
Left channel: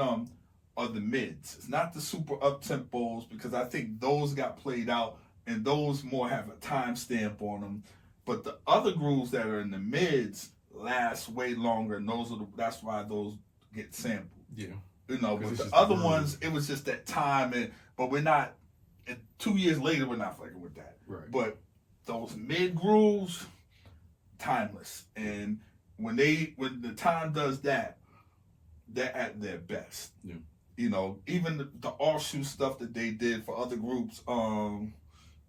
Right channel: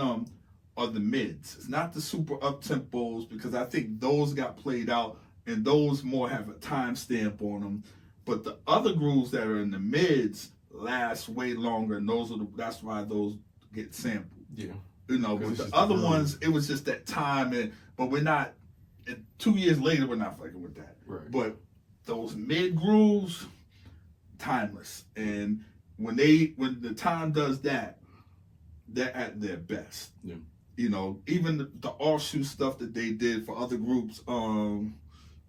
are the mids. It's not the super up tempos, because I think those got played out and those more have a timestamp on them. But the other grooves that are in the mids last way longer, and that's why those get sampled. Yeah. But the other ones, it was just that time, but we're not. And 2 years later, we're not fucking with that. Right. But those mid grooves, timeless. And when the time does that, they're at their best. Yeah. Even the offshoot stuff that they did for other groups,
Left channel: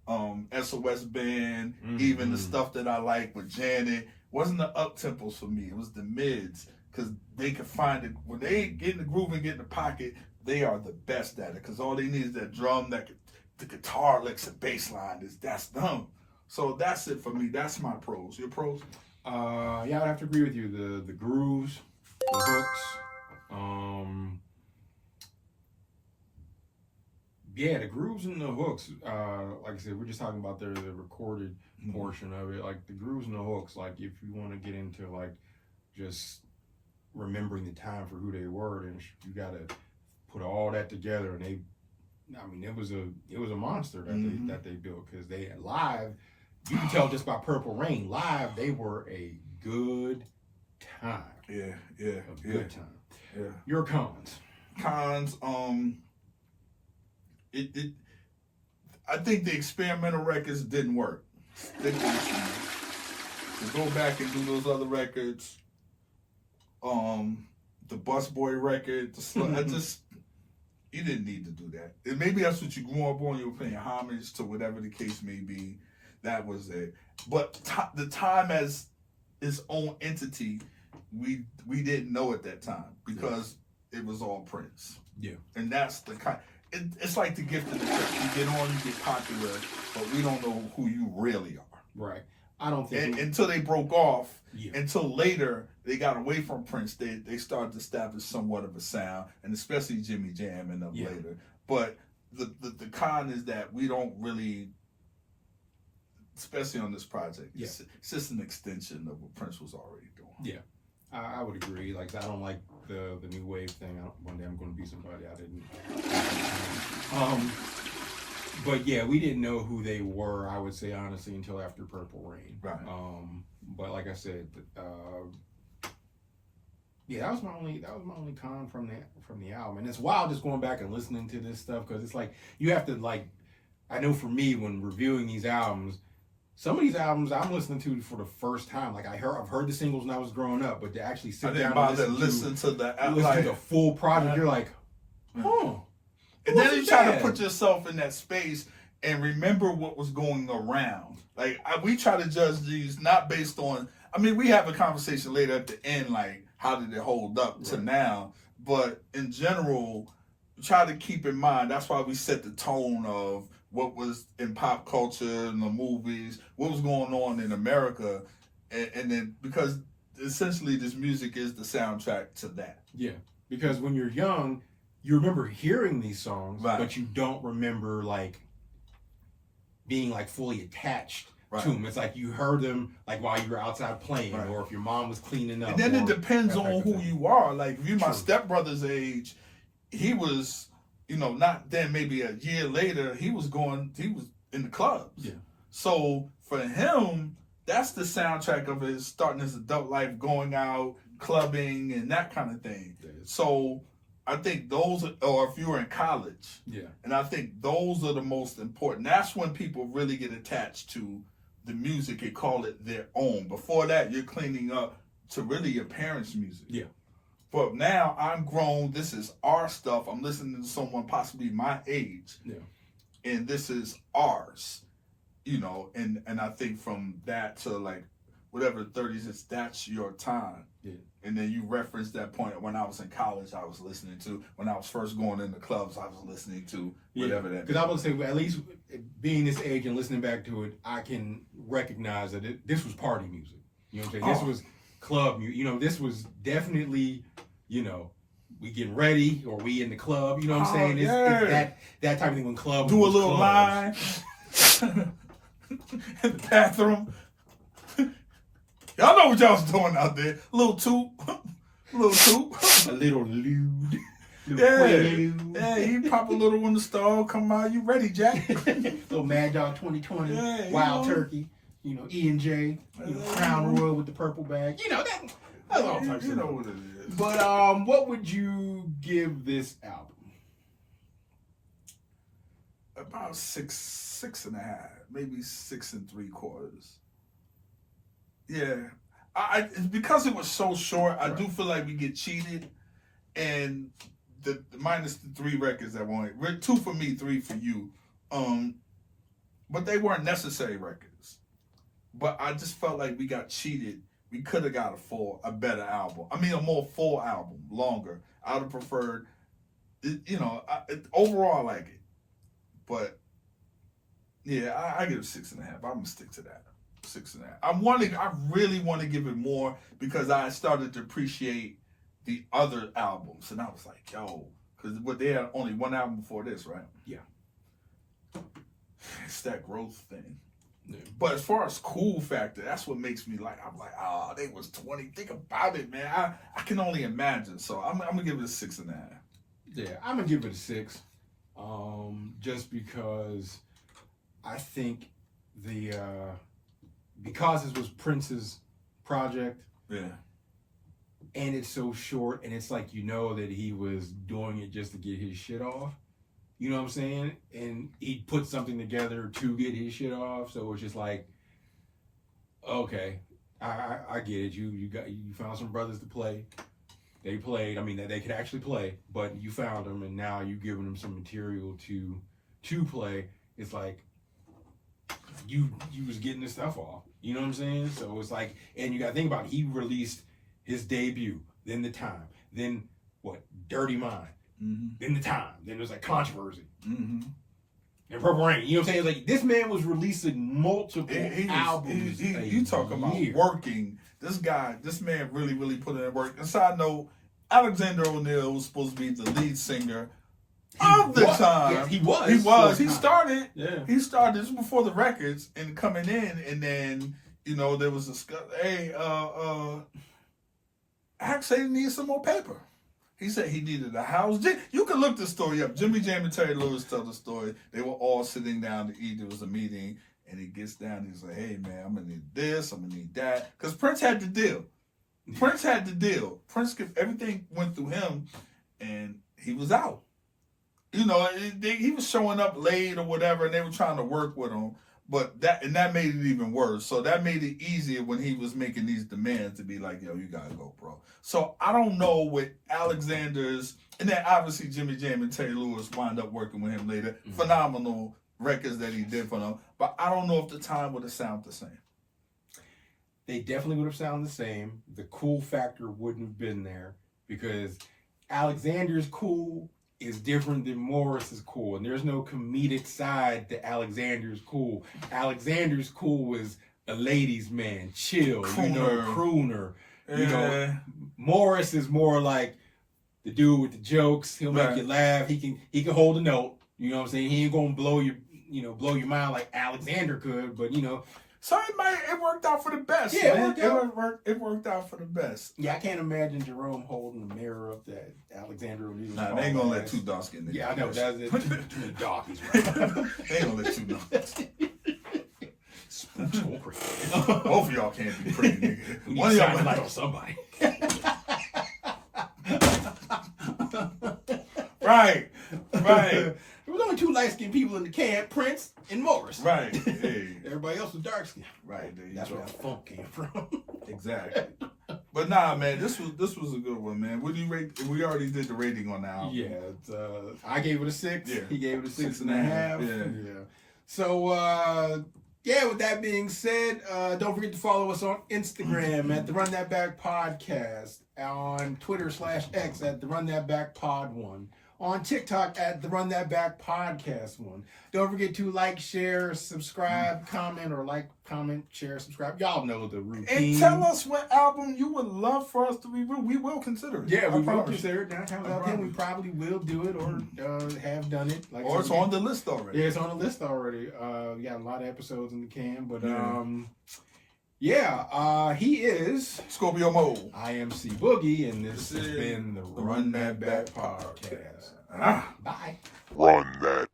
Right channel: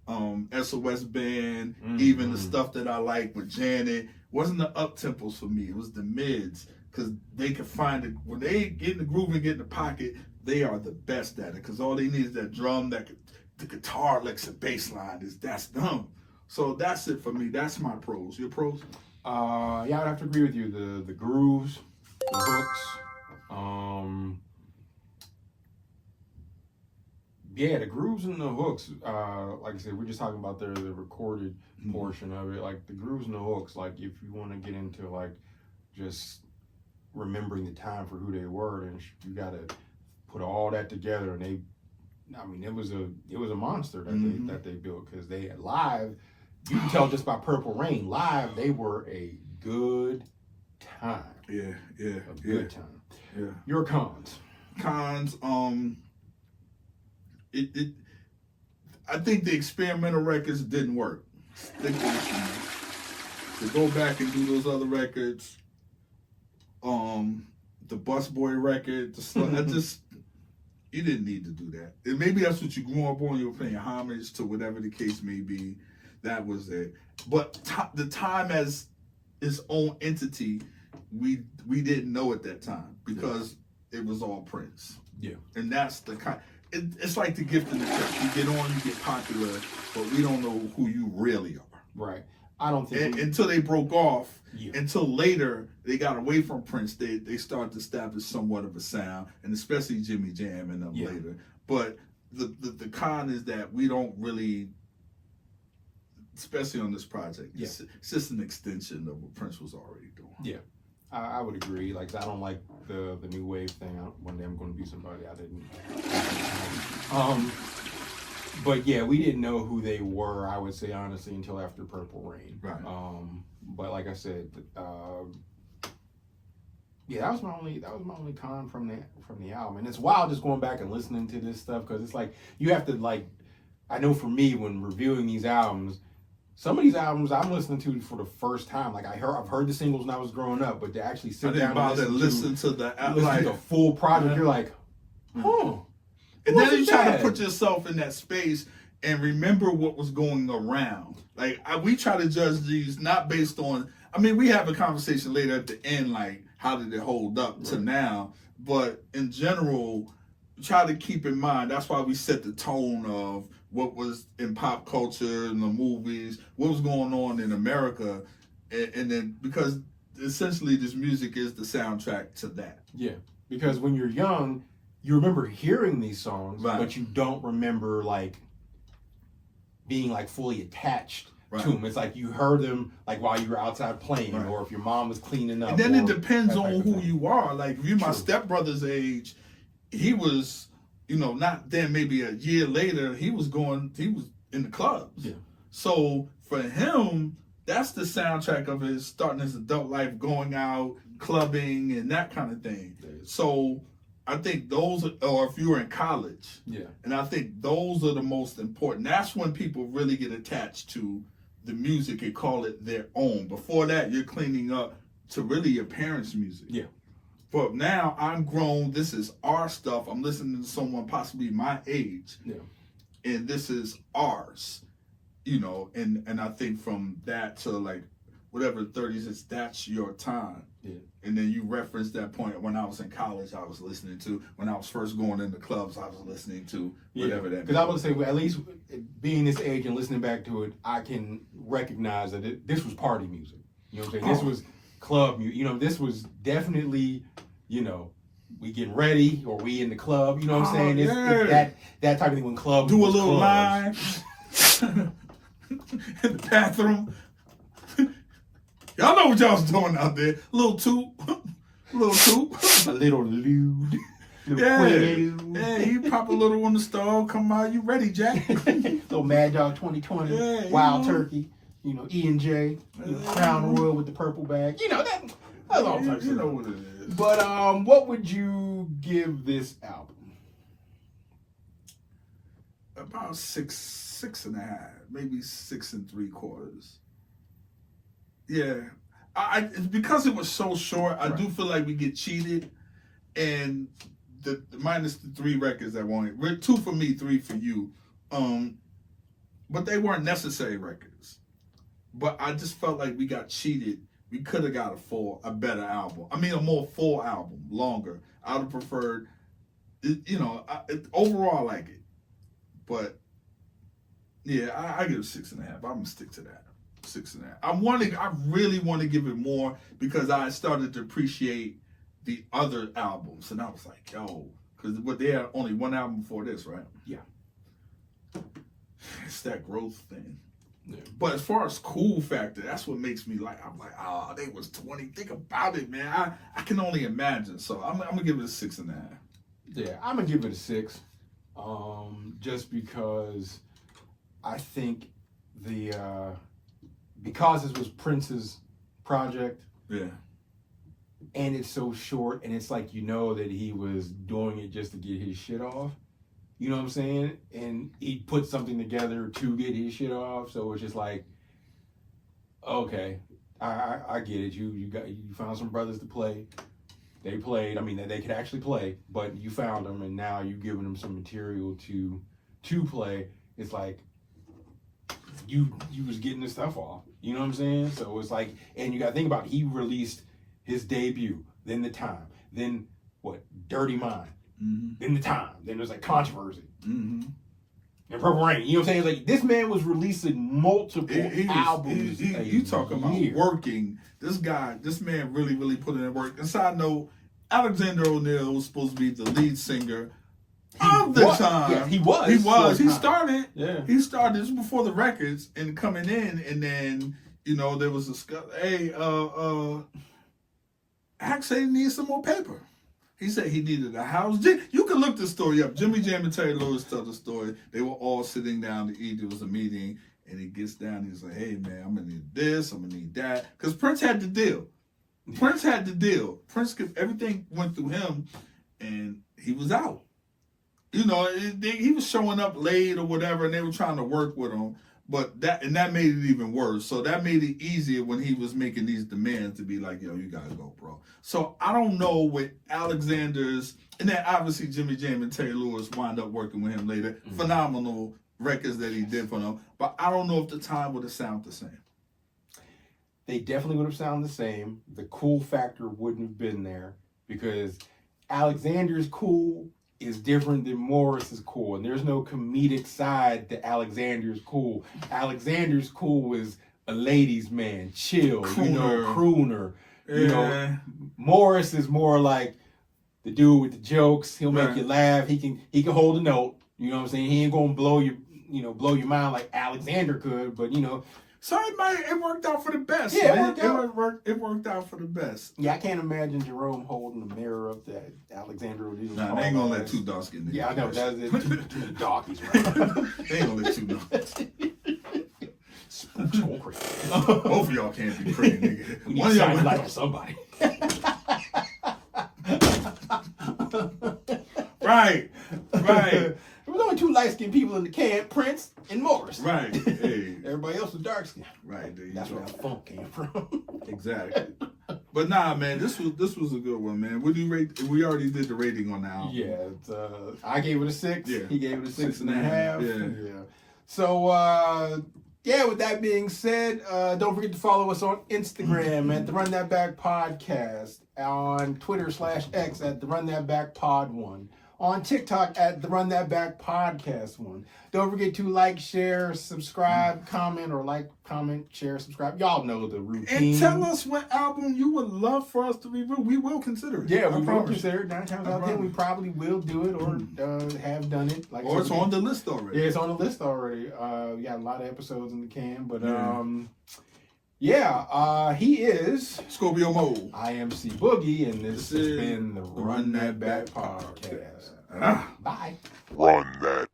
SOS Band, even the stuff that I like with Janet, wasn't the up tempos for me. It was the mids, because they could find it when they get in the groove and get in the pocket. They are the best at it, because all they need is that drum, the guitar licks, and bass line. That's them. So that's it for me. That's my pros. Your pros? Yeah, I would have to agree with you. The grooves, the hooks, yeah, the grooves and the hooks. Like I said, we're just talking about the recorded portion of it. Like the grooves and the hooks. Like if you want to get into like just remembering the time for who they were, then you got to put all that together. And it was a monster that they built, because they live. You can tell just by Purple Rain. Live, they were a good time. Yeah. A good time. Yeah. Your cons. I think the experimental records didn't work. To go back and do those other records, the Busboy record, you didn't need to do that. And maybe that's what you grew up on. You were paying homage to whatever the case may be. That was it. But the time as its own entity, we didn't know at that time, because it was all Prince. Yeah. And that's the kind. It's like the gift of the church. You get on, you get popular, but we don't know who you really are. Right. I don't think until they broke off. Yeah. Until later they got away from Prince, they started to establish somewhat of a sound, and especially Jimmy Jam and them later. But the con is that we don't really, especially on this project, it's just an extension of what Prince was already doing. Yeah. I would agree. Like, I don't like the new wave thing. One day I'm going to be somebody I didn't. But yeah, we didn't know who they were, I would say honestly, until after Purple Rain. Right. But like I said, yeah, that was my only con from the album. And it's wild just going back and listening to this stuff, because it's like you have to, like, I know for me when reviewing these albums, some of these albums I'm listening to for the first time. Like I've heard the singles when I was growing up, but to actually sit down and listen to the full project, you're like, oh. And then you try to put yourself in that space and remember what was going around. Like we try to judge these not based on. I mean, we have a conversation later at the end, like how did it hold up to now. But in general, try to keep in mind. That's why we set the tone of what was in pop culture and the movies, what was going on in America, and then because essentially this music is the soundtrack to that. Yeah, because when you're young, you remember hearing these songs, but you don't remember like being like fully attached to them. It's like you heard them like while you were outside playing, or if your mom was cleaning up. And then it depends on who you are. Like if you're my stepbrother's age, he was, not then, maybe a year later, he was in the clubs. Yeah. So for him, that's the soundtrack of his starting his adult life, going out, clubbing, and that kind of thing. So I think those, or if you were in college, and I think those are the most important. That's when people really get attached to the music and call it their own. Before that, you're cleaning up to really your parents' music. Yeah. But now I'm grown. This is our stuff. I'm listening to someone possibly my age. Yeah. And this is ours. And I think from that to like whatever the 30s is, that's your time. Yeah. And then you referenced that point when I was in college, I was listening to. When I was first going into clubs, I was listening to whatever that. Because I would say, at least being this age and listening back to it, I can recognize that this was party music. You know what I'm saying? This was club music. This was definitely, we getting ready or we in the club. You know what I'm saying? It's that type of thing when clubs do a little line in the bathroom. Y'all know what y'all was doing out there. Little toot. Little toot. A little lewd. Yeah, you pop a little on the stove, come out, you ready, Jack? Little Mad Dog 2020, Wild Turkey, E&J, Crown Royal with the purple bag. That's all types of you know what it is. But what would you give this album? About six and a half, maybe 6 3/4. Yeah, because it was so short. I do feel like we get cheated, and the minus the 3 records that won 2 for me, 3 for you. But they weren't necessary records. But I just felt like we got cheated. We could have got a better album. I mean, a more full album, longer. I would have preferred, overall I like it. But yeah, I give it 6.5. I'm gonna stick to that. 6.5. I really want to give it more because I started to appreciate the other albums, and I was like, yo, because they had only one album before this, right? Yeah. It's that growth thing. Yeah. But as far as cool factor, that's what makes me I'm like, they was 20. Think about it, man. I can only imagine. So I'm gonna give it a 6.5. Yeah, I'm gonna give it a 6. Just because I think because this was Prince's project. Yeah. And it's so short, and it's like that he was doing it just to get his shit off. You know what I'm saying? And he put something together to get his shit off. So it's just like, okay, I get it. You found some brothers to play. They played. I mean, they could actually play, but you found them, and now you're giving them some material to play. It's like you was getting this stuff off. You know what I'm saying? So it's like, and you got to think about it. He released his debut, then The Time, then what? Dirty Mind, then The Time, then there's like Controversy, and Purple Rain. You know what I'm saying? It's like this man was releasing multiple albums. You talk about working. This man really, really put in that work. And side note, Alexander O'Neal was supposed to be the lead singer of The Time. Yeah, he was. He started. Yeah. He started this before the records and coming in, and then there was Axe said he needed some more paper. He said he needed a house. You can look this story up. Jimmy Jam and Terry Lewis tell the story. They were all sitting down to eat. There was a meeting, and he gets down. He's like, "Hey man, I'm gonna need this. I'm gonna need that." Because Prince had the deal. Prince, everything went through him, and he was out. He was showing up late or whatever, and they were trying to work with him. But that made it even worse. So that made it easier when he was making these demands to be like, yo, you gotta go, bro. So I don't know what Alexander's, and then obviously Jimmy Jam and Terry Lewis wind up working with him later. Phenomenal records that he did for them. But I don't know if The Time would have sounded the same. They definitely would have sounded the same. The cool factor wouldn't have been there because Alexander's cool is different than Morris is cool. And there's no comedic side to Alexander's cool. Alexander's cool is a ladies' man, chill, crooner. Morris is more like the dude with the jokes. He'll make you laugh. He can hold a note. You know what I'm saying? He ain't gonna blow your mind like Alexander could, but So it worked out for the best. Yeah, man. It worked out for the best. Yeah, I can't imagine Jerome holding the mirror up that Alexander. Nah, they ain't gonna let 2 dark skinned niggas. Yeah, I know. That's it. Too many darkies, right? They ain't gonna let 2 darkies. Crazy. Both of y'all can't be pretty, nigga. One of y'all light on somebody. Right. There was only 2 light-skinned people in the camp, Prince and Morris. Right. Hey. Everybody else was dark-skinned. Right. That's where that funk came from. Exactly. But nah, man, this was a good one, man. What do you rate? We already did the rating on the album. Yeah, I gave it a 6. Yeah. He gave it a 6.5. Yeah. So, with that being said, don't forget to follow us on Instagram at the Run That Back Podcast, on Twitter /X at the Run That Back Pod 1. On TikTok at the Run That Back Podcast 1. Don't forget to like, share, subscribe, comment, or like, comment, share, subscribe. Y'all know the routine. And tell us what album you would love for us to review. We will consider it. Yeah, we will consider it. 9 times out of 10, we probably will do it or have done it. Or it's on the list already. Yeah, it's on the list already. We got a lot of episodes in the can, but Yeah, he is Scorpio Moe. I am C.Boogie, and this has is been the Run That Back podcast. Ah. Bye. Run that